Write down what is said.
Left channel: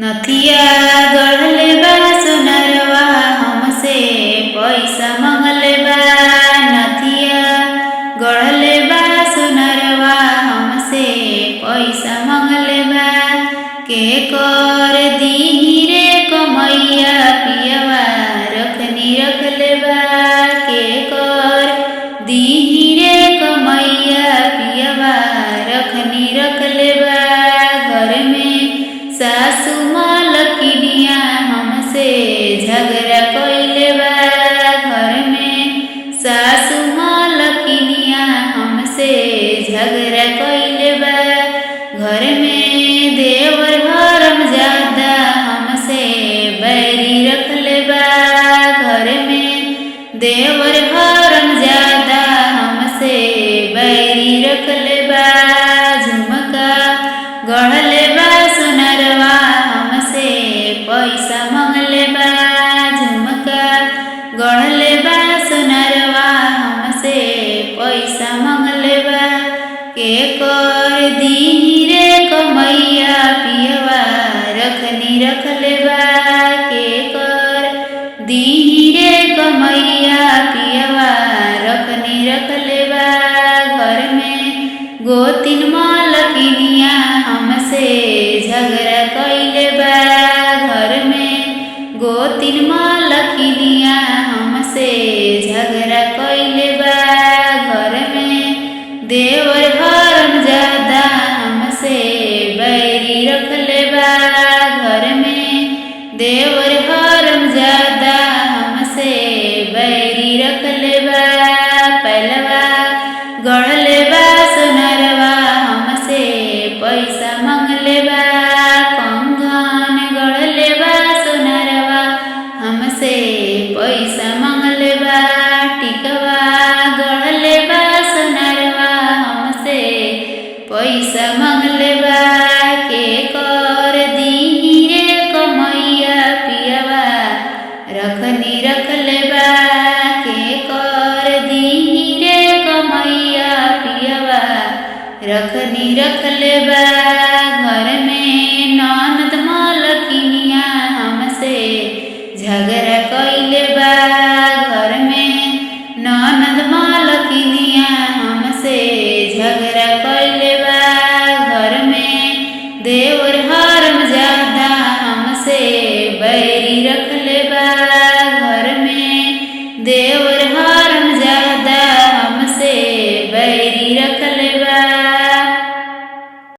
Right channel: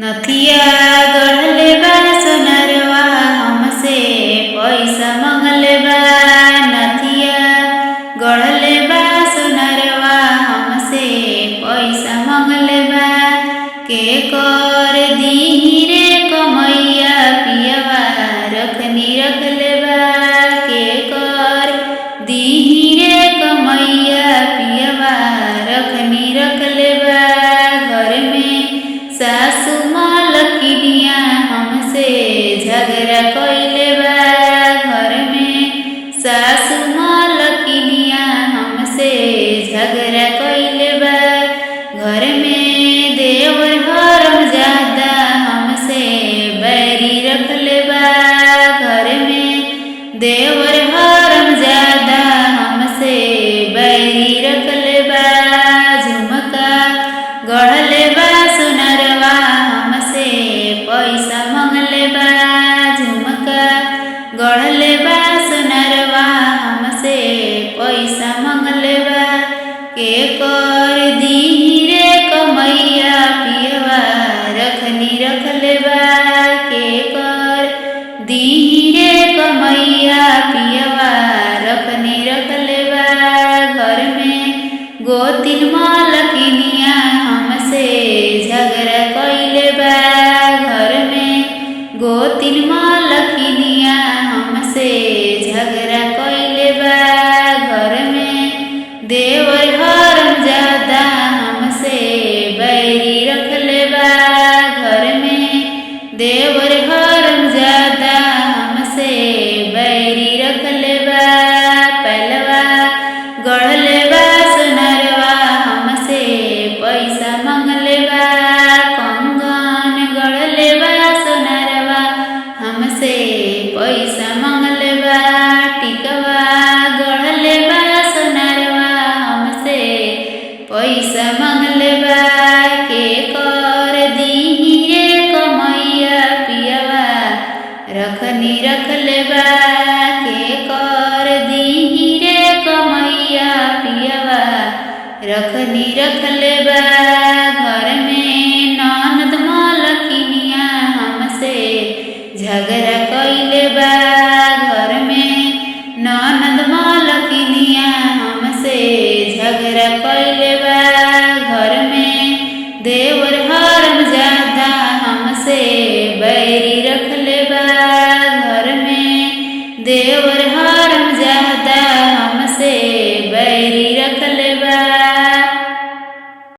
नथिया गढ़ले बा सोनरवा हमसे पैसा मंगले बा। नथिया गढ़ले बा सोनरवा हमसे पैसा मंगले बा। के कर दीही रे कमैया पियवा रखनी रखले बा। के कर दीही रे कमैया पियवा रखनी रखले बा। घर में सासु मालकिनिया हमसे झगड़ा कइले बा। घर में सासु मालकिनिया हमसे झगड़ा कइले बा। घर में देवर हरामजादा हमसे बैरी रखले बा। घर में देवर हरामजादा हमसे बैरी रखले बा। झुमका गढ़ले बा सोनरवा हमसे पैसा मंगले बा। झुमका गढ़ले बा सोनरवा हमसे पैसा मंगले बा। के कर दीही रे कमैया पियवा रखनी रखले बा। के कर दीही रे कमैया पियवा रखनी रखले बा। घर में गोतिन मालकिनिया हमसे झगड़ा कइले बा। घर में गोतिन मालकिनिया हमसे झगड़ा कइले बा। घर में देवर हरामजादा हमसे बैरी रखले बा। घर में देवर हरामजादा हमसे बैरी रखले बा। पहलवा गढ़ले बा सोनरवा हमसे पैसा मंगले बा। कंगन गढ़ले बा सोनरवा हमसे पैसा मंगले बा। टिकवा गढ़ले बा सोनरवा हमसे पैसा मंगले बा। के कर दीही रे कमैया पियवा रखनी रखले बा। के कर दीही रे कमैया पियवा रखनी रखले बा। घर में ननद मालकिनिया हमसे झगड़ा कइले बा। घर में ननद मालकिनिया हमसे झगड़ा कइले बा। घर में देवर हरामजादा हमसे बैरी रखले बा। घर में देवर